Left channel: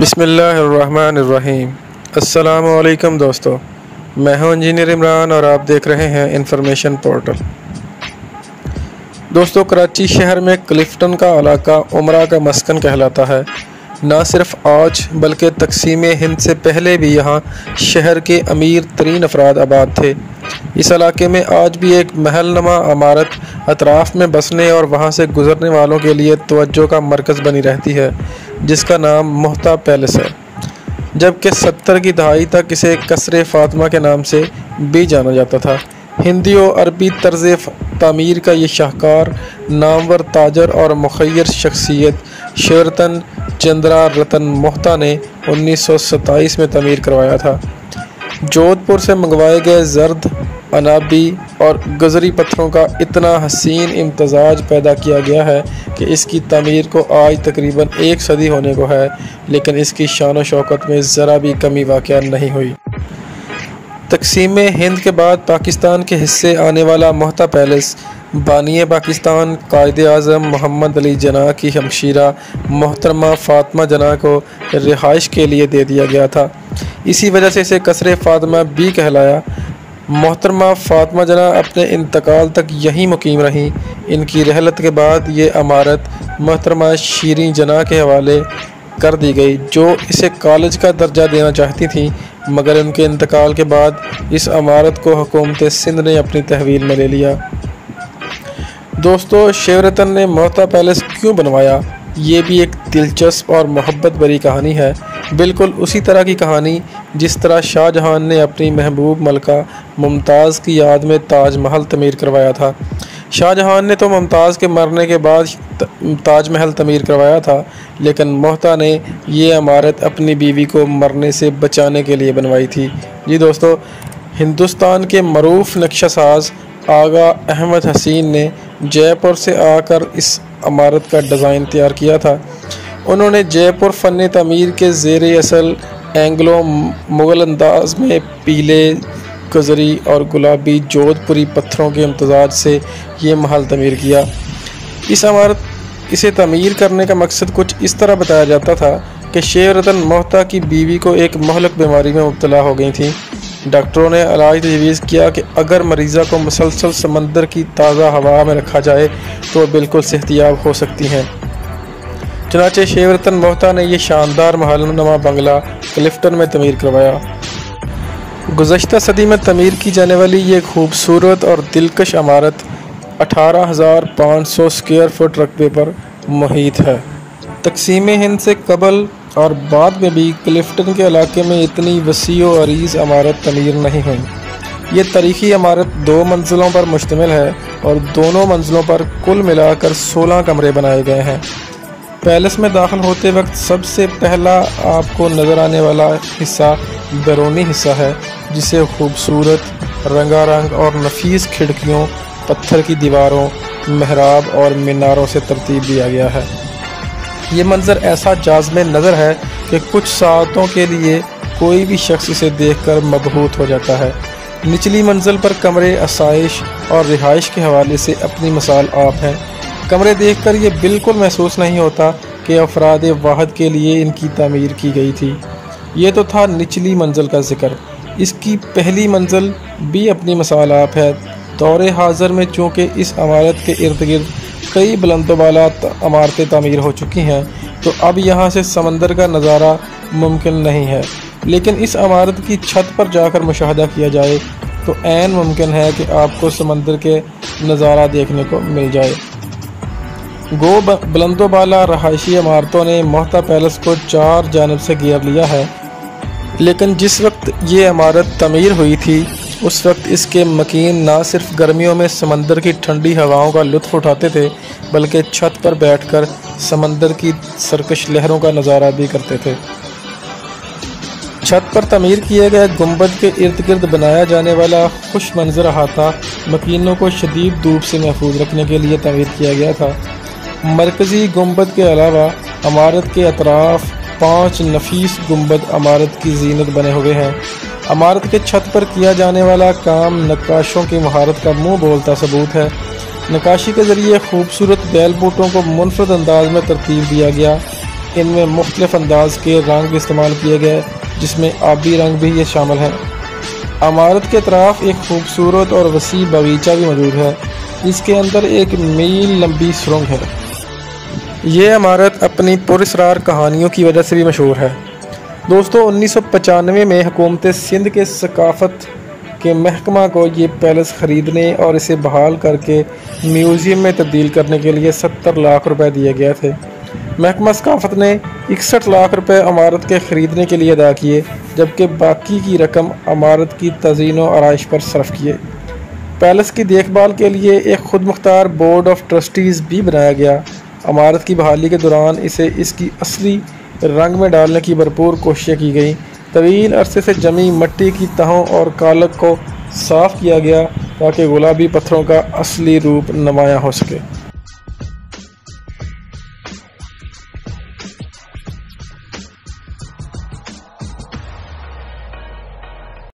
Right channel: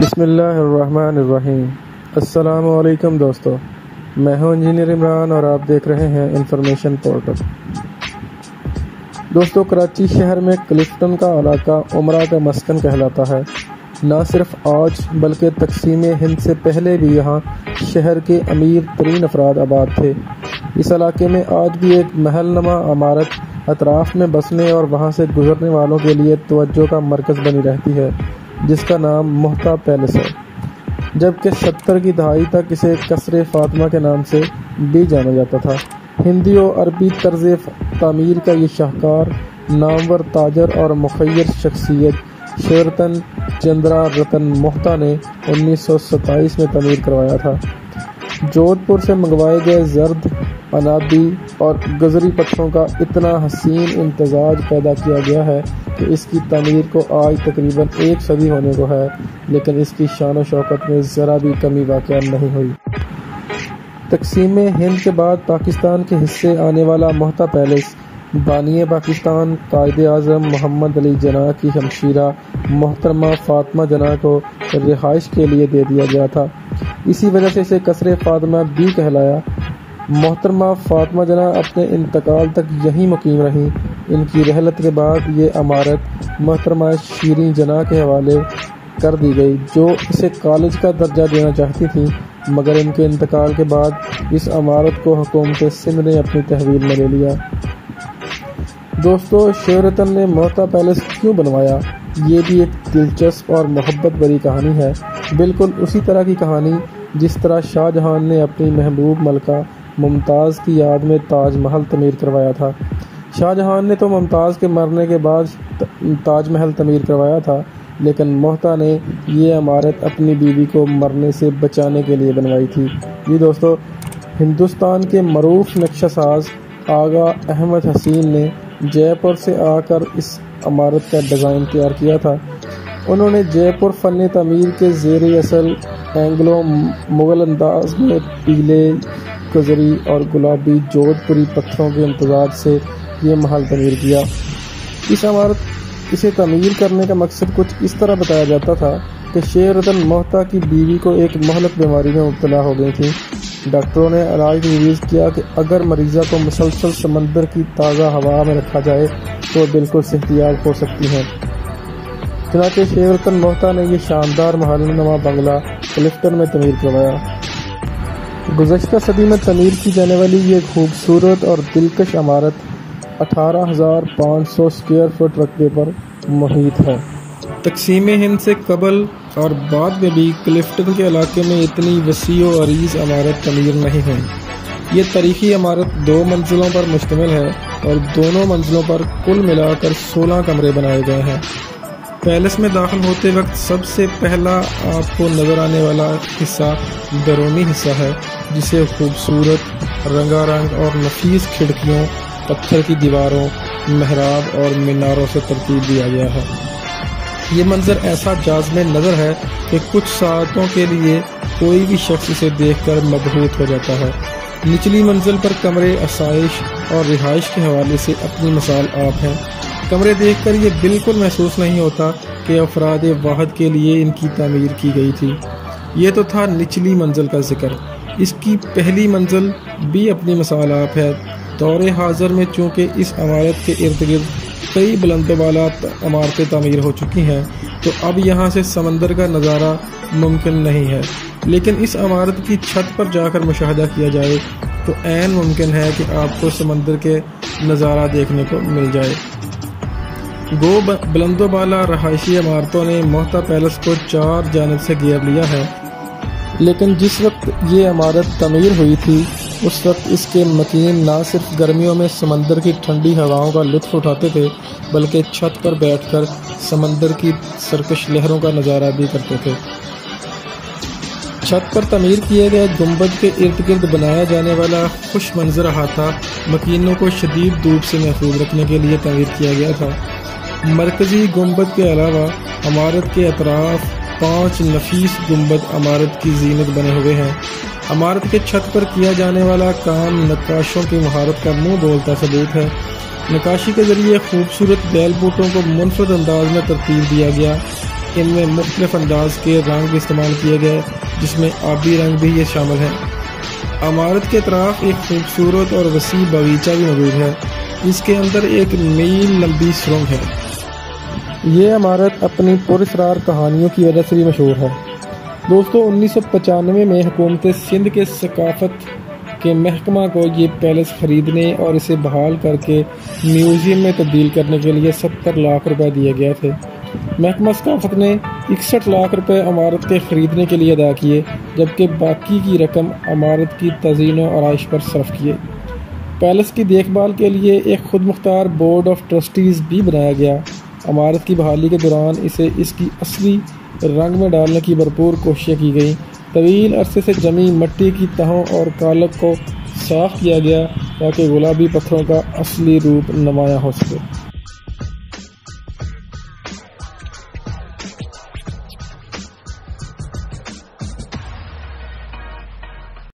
بسم اللہ الرحمن الرحیم۔ السلام علیکم دوستو، میں ہوں انجینئر عمران اور آپ دیکھ رہے ہیں انفارمیشن پورٹل۔ دوستو، کراچی شہر میں کلفٹن کا علاقہ عمرہ کا مسکن کہلاتا ہے۔ نہ صرف آج بلکہ تقسیم ہند سے پہلے بھی یہاں شہر کے امیر ترین افراد آباد تھے۔ اس علاقے میں آج بھی ایک محل نما عمارت اطراف میں بسنے اور وہاں سے گزرنے والوں کے لیے توجہ کا مرکز بنی رہتی ہے، جس کا نام محتا پیلس ہے، جبکہ 70 کی دہائی تک اسے قصر فاطمہ کے نام سے بھی جانا جاتا تھا۔ ہندی و عربی طرز تعمیر کا یہ شاہکار نامور تاجر اور مخیر شخصیت شیورتن چندرا رتن محتا نے 1927 میں تعمیر کروایا تھا۔ جودھ پور سے منگوائے گئے زرد، عنابی اور گزری پتھروں کا اتنا حسین امتزاج پیدا کیا گیا ہے کہ اس کی تعمیر کو آج تقریباً 1 صدی ہونے کو ہے، لیکن اس کی شان و شوکت میں ذرا بھی کمی واقع نہیں ہوئی۔ تقسیم ہند کے بعد پاکستان کے حصے آنے والا محتا پیلس بانی پاکستان قائد اعظم محمد علی جناح کی ہمشیرہ محترمہ فاطمہ جناح کو رہائش کے لیے دے دیا گیا تھا۔ اسی وجہ سے اسے قصر فاطمہ بھی کہلایا۔ محترمہ فاطمہ جناح اپنے انتقال تک یہیں مقیم رہیں۔ ان کی رحلت کے بعد یہ عمارت محترمہ شیریں جناح کے حوالے کر دی گئی، جو اسے کالج کا درجہ دینا چاہتی تھیں، مگر ان کے انتقال کے بعد اس عمارت کو حکومت سندھ نے اپنی تحویل میں لے لیا۔ دوستو، شیورتن نے محتا پیلس کیوں بنوایا؟ یہ بھی ایک دلچسپ اور محبت بھری کہانی ہے، بالکل اسی طرح کی کہانی جس طرح شاہ جہاں نے اپنی محبوب ملکہ ممتاز کی یاد میں تاج محل تعمیر کروایا تھا۔ شاہ جہاں نے تو ممتاز کے مرنے کے بعد تاج محل تعمیر کروایا تھا، لیکن محتا نے یہ عمارت اپنی بیوی کو مرنے سے بچانے کے لیے بنوائی تھی۔ جی دوستو، ہندوستان کے معروف نقشہ ساز آغا احمد حسین نے جے پور سے آ کر اس عمارت کا ڈیزائن تیار کیا تھا۔ انہوں نے جے پور فن تعمیر کے زیر اصل اینگلو مغل انداز میں پیلے، گزری اور گلابی جودھ پوری پتھروں کے امتزاج سے یہ محل تعمیر کیا۔ اسے تعمیر کرنے کا مقصد کچھ اس طرح بتایا جاتا تھا کہ شیورتن محتا کی بیوی کو ایک مہلک بیماری میں مبتلا ہو گئی تھیں۔ ڈاکٹروں نے علاج تجویز کیا کہ اگر مریضہ کو مسلسل سمندر کی تازہ ہوا میں رکھا جائے تو وہ بالکل صحتیاب ہو سکتی ہیں۔ چنانچہ شیورتن محتا نے یہ شاندار محل نما بنگلہ کلفٹن میں تعمیر کروایا۔ گزشتہ صدی میں تعمیر کی جانے والی یہ خوبصورت اور دلکش عمارت 18,500 اسکوائر فٹ رقبے پر محیط ہے۔ تقسیم ہند سے قبل اور بعد میں بھی کلفٹن کے علاقے میں اتنی وسیع و عریض عمارت تعمیر نہیں ہوئی۔ یہ تاریخی عمارت 2 منزلوں پر مشتمل ہے اور دونوں منزلوں پر کل ملا کر 16 کمرے بنائے گئے ہیں۔ پیلس میں داخل ہوتے وقت سب سے پہلا آپ کو نظر آنے والا حصہ بیرونی حصہ ہے، جسے خوبصورت رنگا رنگ اور نفیس کھڑکیوں، پتھر کی دیواروں، محراب اور میناروں سے ترتیب دیا گیا ہے۔ یہ منظر ایسا جاذب نظر ہے کہ کچھ ساعتوں کے لیے کوئی بھی شخص اسے دیکھ کر مبہوت ہو جاتا ہے۔ نچلی منزل پر کمرے آسائش اور رہائش کے حوالے سے اپنی مثال آپ ہیں۔ کمرے دیکھ کر یہ بالکل محسوس نہیں ہوتا کہ افراد واحد کے لیے ان کی تعمیر کی گئی تھی۔ یہ تو تھا نچلی منزل کا ذکر، اس کی پہلی منزل بھی اپنی مثال آپ ہے۔ دور حاضر میں چونکہ اس عمارت کے ارد گرد کئی بلند و بالا عمارتیں تعمیر ہو چکی ہیں، تو اب یہاں سے سمندر کا نظارہ ممکن نہیں ہے، لیکن اس عمارت کی چھت پر جا کر مشاہدہ کیا جائے تو عین ممکن ہے کہ آپ کو سمندر کے نظارہ دیکھنے کو مل جائے۔ گو بلند و بالا رہائشی عمارتوں نے محتا پیلس کو 4 جانب سے گھیر لیا ہے، لیکن جس وقت یہ عمارت تعمیر ہوئی تھی اس وقت اس کے مکین نہ صرف گرمیوں میں سمندر کی ٹھنڈی ہواؤں کا لطف اٹھاتے تھے، بلکہ چھت پر بیٹھ کر سمندر کی سرکش لہروں کا نظارہ بھی کرتے تھے۔ چھت پر تعمیر کیے گئے گنبد کے ارد گرد بنایا جانے والا خوش منظر احاطہ مکینوں کو شدید دھوپ سے محفوظ رکھنے کے لیے تعمیر کیا گیا تھا۔ مرکزی گنبد کے علاوہ عمارت کے اطراف 5 نفیس گنبد عمارت کی زینت بنے ہوئے ہیں۔ عمارت کے چھت پر کیا جانے والا کام نقاشوں کی مہارت کا منہ بولتا ثبوت ہے۔ نقاشی کے ذریعے خوبصورت بیل بوٹوں کو منفرد انداز میں ترتیب دیا گیا۔ ان میں مختلف انداز کے رنگ بھی استعمال کیے گئے، جس میں آبی رنگ بھی یہ شامل ہے۔ عمارت کے اطراف ایک خوبصورت اور وسیع باغیچہ بھی موجود ہے، اس کے اندر ایک میل لمبی سرنگ ہے۔ یہ عمارت اپنی پراسرار کہانیوں کی وجہ سے بھی مشہور ہے۔ دوستو 1995 میں حکومت سندھ کے ثقافت کے محکمہ کو یہ پیلس خریدنے اور اسے بحال کر کے میوزیم میں تبدیل کرنے کے لیے 70 لاکھ روپے دیے گئے تھے۔ محکمہ ثقافت نے 61 لاکھ روپے عمارت کے خریدنے کے لیے ادا کیے، جبکہ باقی کی رقم عمارت کی تزئین و آرائش پر صرف کیے۔ پیلس کی دیکھ بھال کے لیے ایک خود مختار بورڈ آف ٹرسٹیز بھی بنایا گیا۔ عمارت کی بحالی کے دوران اسے اس کی اصلی رنگ میں ڈالنے کی بھرپور کوششیں کی گئیں۔ طویل عرصے سے جمی مٹی کی تہوں اور کالک کو صاف کیا گیا تاکہ گلابی پتھروں کا اصلی روپ نمایاں ہو سکے۔